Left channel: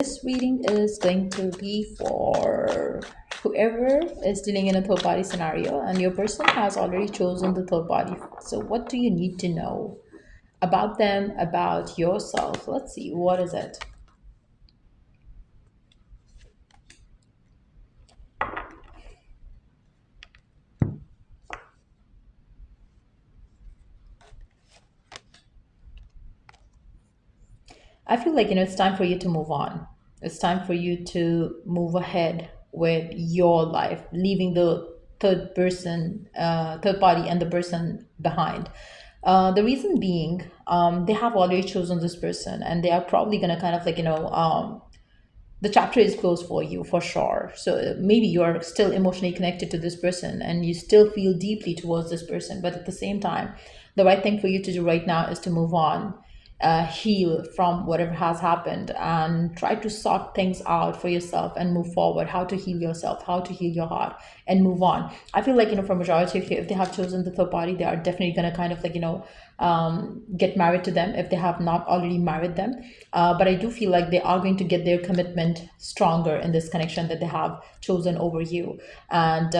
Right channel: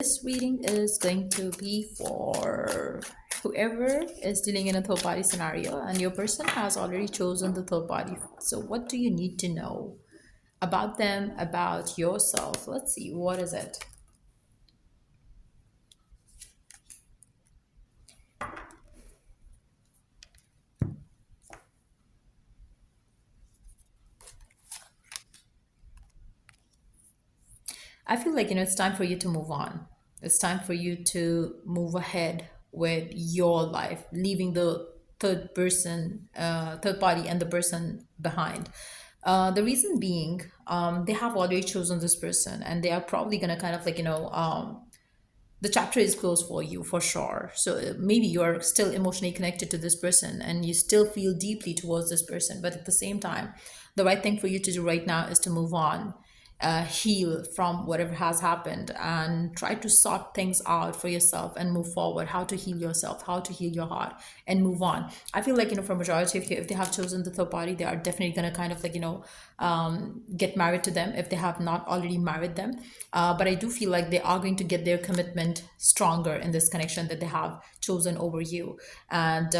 This reading is going to be for whoever is dealing in a third party scenario and your person has already chosen the third party. So, what do you need to know about them, about yourself? Let's see, what is it? I feel like, it's time for you to move on. It's time for you to move ahead with your life, leaving the third party and the person behind. The reason being, they have already chosen this person and they are probably going to kind of like, the chapter is closed for you for sure. So maybe you are still emotionally connected to this person and you still feel deeply towards this person, but at the same time, the right thing for you to do right now is to move on, heal from whatever has happened, and try to sort things out for yourself and move forward. How to heal yourself, how to heal your heart, and move on. I feel like, for majority of you, if they have chosen the third party, they are definitely going to kind of like, get married to them if they have not already married them. But I do feel like they are going to get their commitment stronger in this connection that they have chosen over you. And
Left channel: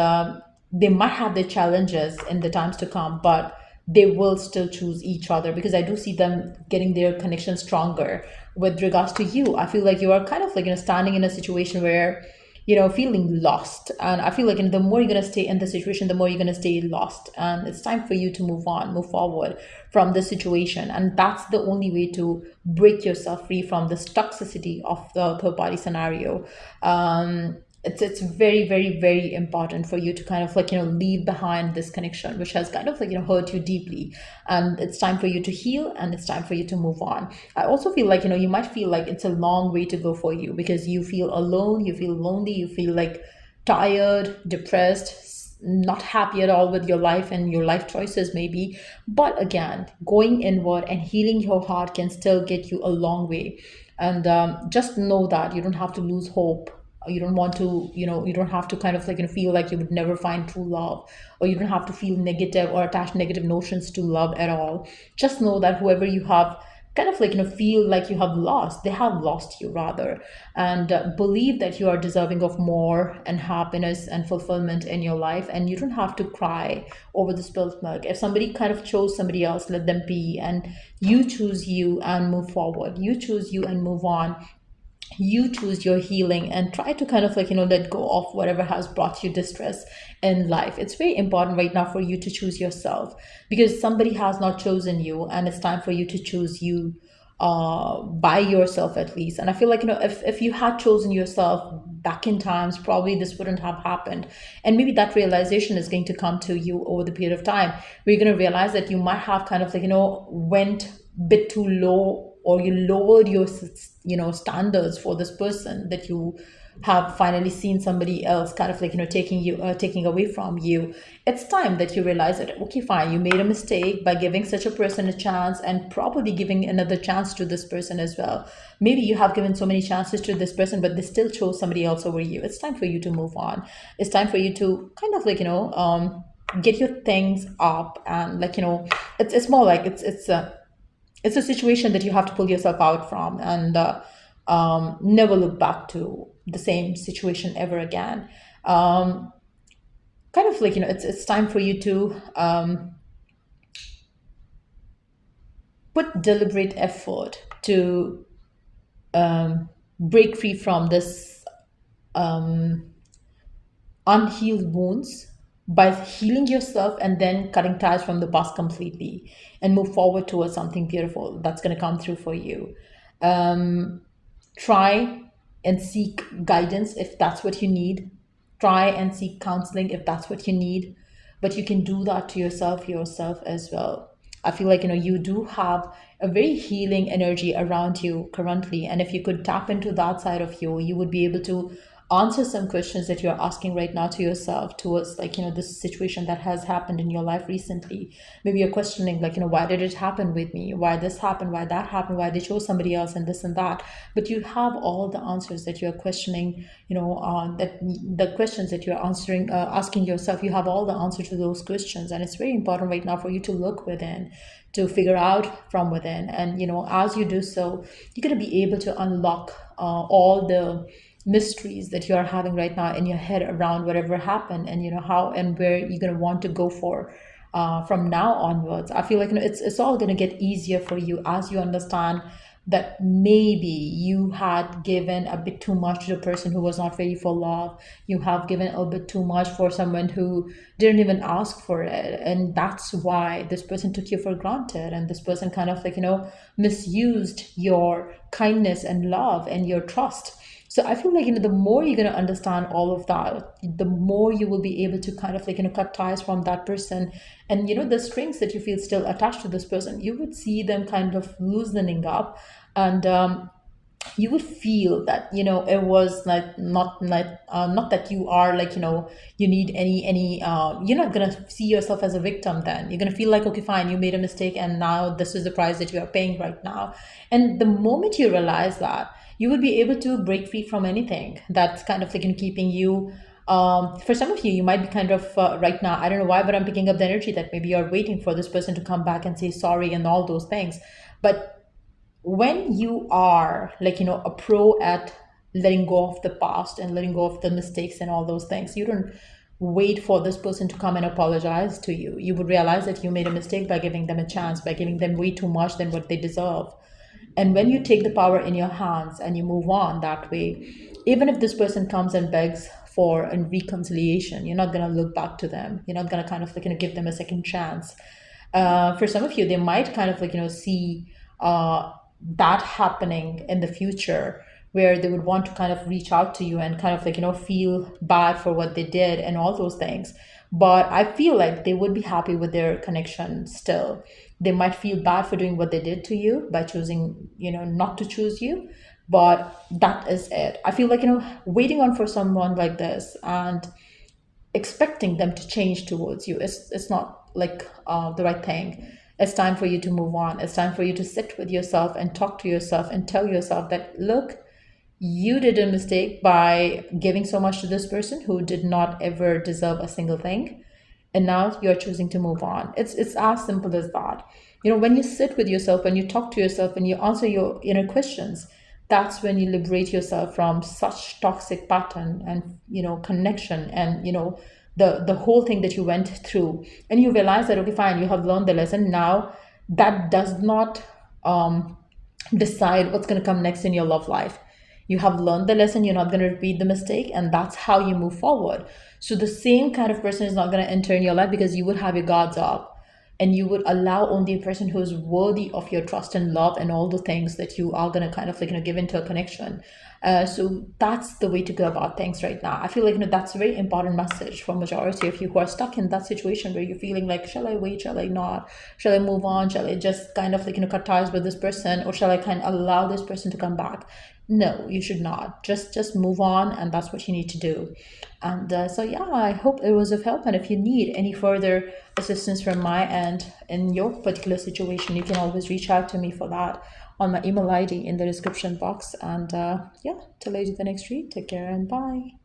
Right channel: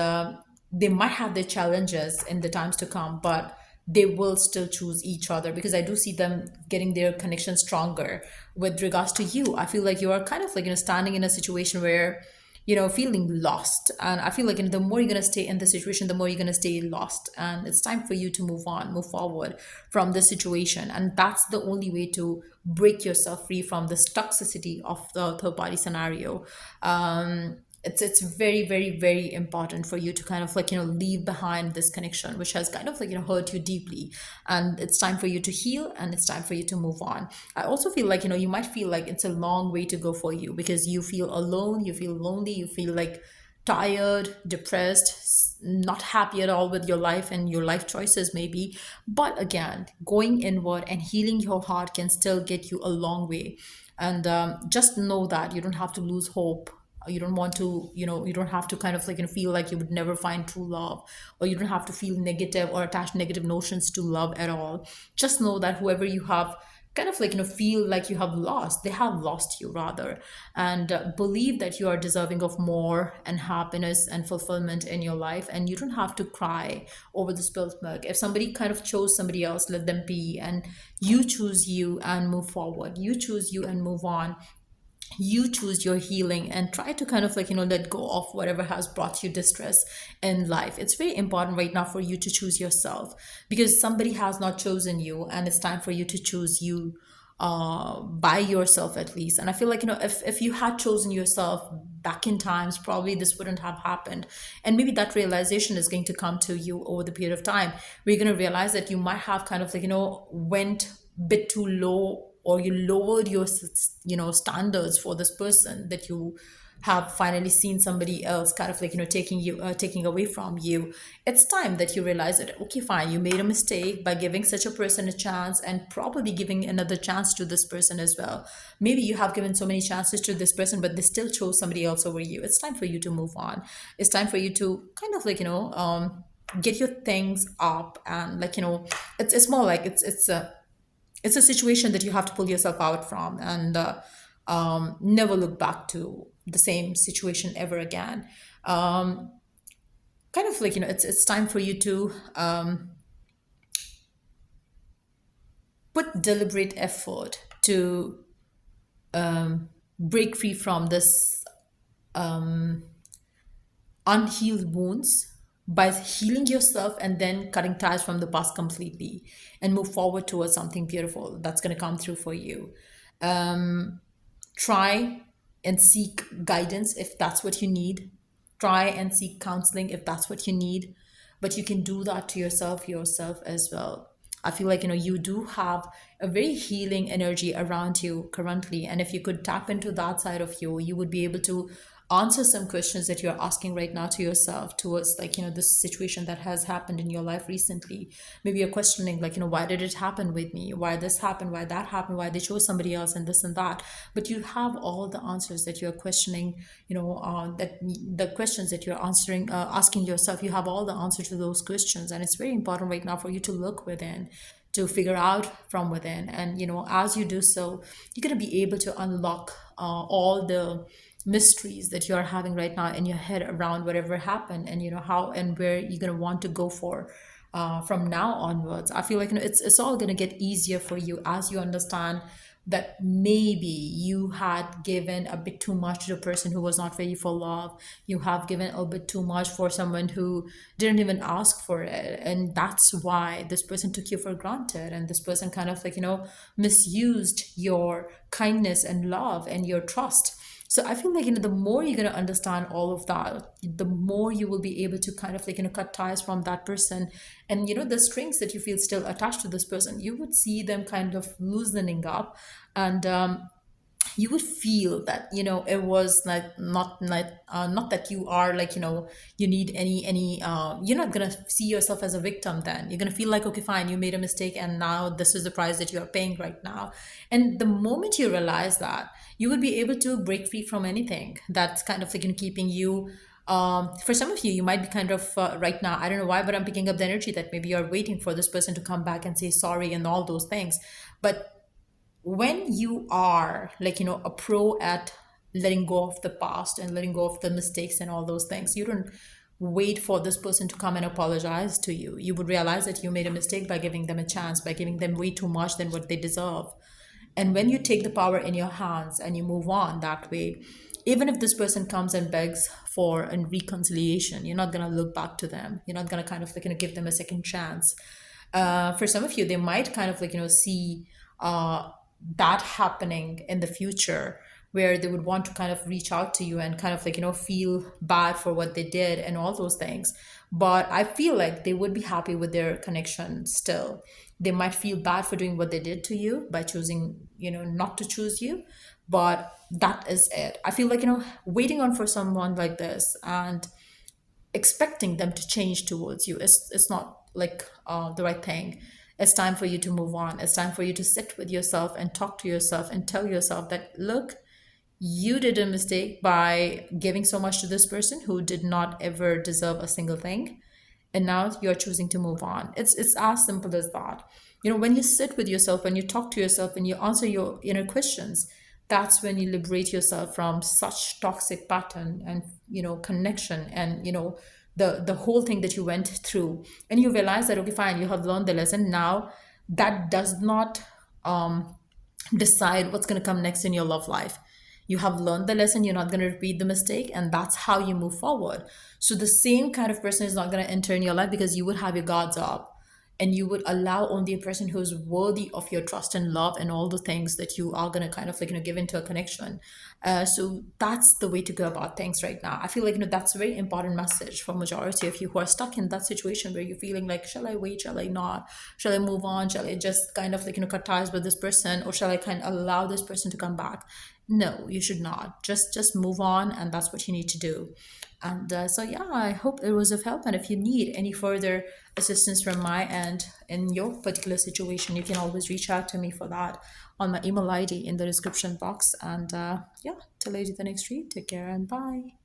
they might have their challenges in the times to come, but they will still choose each other because I do see them getting their connection stronger with regards to you. I feel like you are kind of like, standing in a situation where, feeling lost. And I feel like, the more you're going to stay in the situation, the more you're going to stay lost. And it's time for you to move on, move forward from the situation. And that's the only way to break yourself free from this toxicity of the third party scenario. It's very, very, very important for you to kind of like, leave behind this connection which has kind of like, hurt you deeply. And it's time for you to heal and it's time for you to move on. I also feel like, you might feel like it's a long way to go for you because you feel alone, you feel lonely, you feel like tired, depressed, not happy at all with your life and your life choices maybe. But again, going inward and healing your heart can still get you a long way. And just know that you don't have to lose hope. You don't want to, you don't have to kind of like, feel like you would never find true love, or you don't have to feel negative or attach negative notions to love at all. Just know that whoever you have kind of like, feel like you have lost, they have lost you rather. And believe that you are deserving of more and happiness and fulfillment in your life, and you don't have to cry over the spilled milk. If somebody kind of chose somebody else, let them be, and you choose you and move forward. You choose you and move on. You choose your healing and try to kind of like, let go of whatever has brought you distress in life. It's very important right now for you to choose yourself because somebody has not chosen you, and it's time for you to choose you by yourself at least. And I feel like, if you had chosen yourself back in times, probably this wouldn't have happened. And maybe that realization is going to come to you over the period of time where you're going to realize that you might have kind of like, went bit too low, or you lowered your standards for this person, that you have finally seen somebody else kind of like, taking away from you. It's time that you realize that, okay, fine, you made a mistake by giving such a person a chance, and probably giving another chance to this person as well. Maybe you have given so many chances to this person, but they still chose somebody else over you. It's time for you to move on. It's time for you to kind of like, get your things up. And like, it's more like it's a situation that you have to pull yourself out from, and never look back to the same situation ever again. um, Kind of like, it's time for you to put deliberate effort to break free from this unhealed wounds by healing yourself and then cutting ties from the past completely, and move forward towards something beautiful that's going to come through for you. Try and seek guidance if that's what you need. Try and seek counseling if that's what you need. But you can do that to yourself as well. I feel like, you do have a very healing energy around you currently. And if you could tap into that side of you, you would be able to answer some questions that you're asking right now to yourself towards like, this situation that has happened in your life recently. Maybe you're questioning like, why did it happen with me, why this happened, why that happened, why they chose somebody else, and this and that. But you have all the answers that you're questioning, that the questions that you're answering, asking yourself, you have all the answers to those questions. And it's very important right now for you to look within, to figure out from within. And as you do so, you're going to be able to unlock all the mysteries that you're having right now in your head around whatever happened, and how and where you're going to want to go for from now onwards. I feel like it's all going to get easier for you as you understand that maybe you had given a bit too much to the person who was not ready for love. You have given a bit too much for someone who didn't even ask for it. And that's why this person took you for granted. And this person kind of misused your kindness and love and your trust. So I feel like, the more you're going to understand all of that, the more you will be able to kind of cut ties from that person. And, the strings that you feel still attached to this person, you would see them kind of loosening up. And you would feel that it was not that you are you need any you're not gonna see yourself as a victim. Then you're gonna feel like, okay, fine, you made a mistake and now this is the price that you are paying right now. And the moment you realize that, you would be able to break free from anything that's kind of keeping you. For some of you, you might be kind of right now, I don't know why, but I'm picking up the energy that maybe you're waiting for this person to come back and say sorry and all those things. But when you are a pro at letting go of the past and letting go of the mistakes and all those things, you don't wait for this person to come and apologize to you. You would realize that you made a mistake by giving them a chance, by giving them way too much than what they deserve. And when you take the power in your hands and you move on that way, even if this person comes and begs for a reconciliation, you're not going to look back to them. You're not going to kind of give them a second chance. For some of you, they might kind of see that happening in the future, where they would want to kind of reach out to you and kind of feel bad for what they did and all those things. But I feel like they would be happy with their connection still. They might feel bad for doing what they did to you by choosing not to choose you. But that is it. I feel like waiting on for someone like this and expecting them to change towards you, it's not the right thing. It's time for you to move on. It's time for you to sit with yourself and talk to yourself and tell yourself that, look, you did a mistake by giving so much to this person who did not ever deserve a single thing. And now you're choosing to move on. It's as simple as that. When you sit with yourself and you talk to yourself and you answer your inner questions, that's when you liberate yourself from such toxic pattern and connection and the whole thing that you went through. And you realize that, okay, fine, you have learned the lesson. Now that does not decide what's going to come next in your love life. You have learned the lesson. You're not going to repeat the mistake, and that's how you move forward. So the same kind of person is not going to enter in your life, because you would have your guards up and you would allow only a person who is worthy of your trust and love and all the things that you are going to kind of give into a connection. So that's the way to go about things right now. I feel like that's a very important message for majority of you who are stuck in that situation where you're feeling like, shall I wait, shall I not, shall I move on, shall I just kind of cut ties with this person, or shall I kind of allow this person to come back? No, you should not. Just move on, and that's what you need to do. And so yeah, I hope it was of help. And if you need any further assistance from my end in your particular situation, you can always reach out to me for that on my email ID in the description box. And yeah, till I do the next read, take care and bye.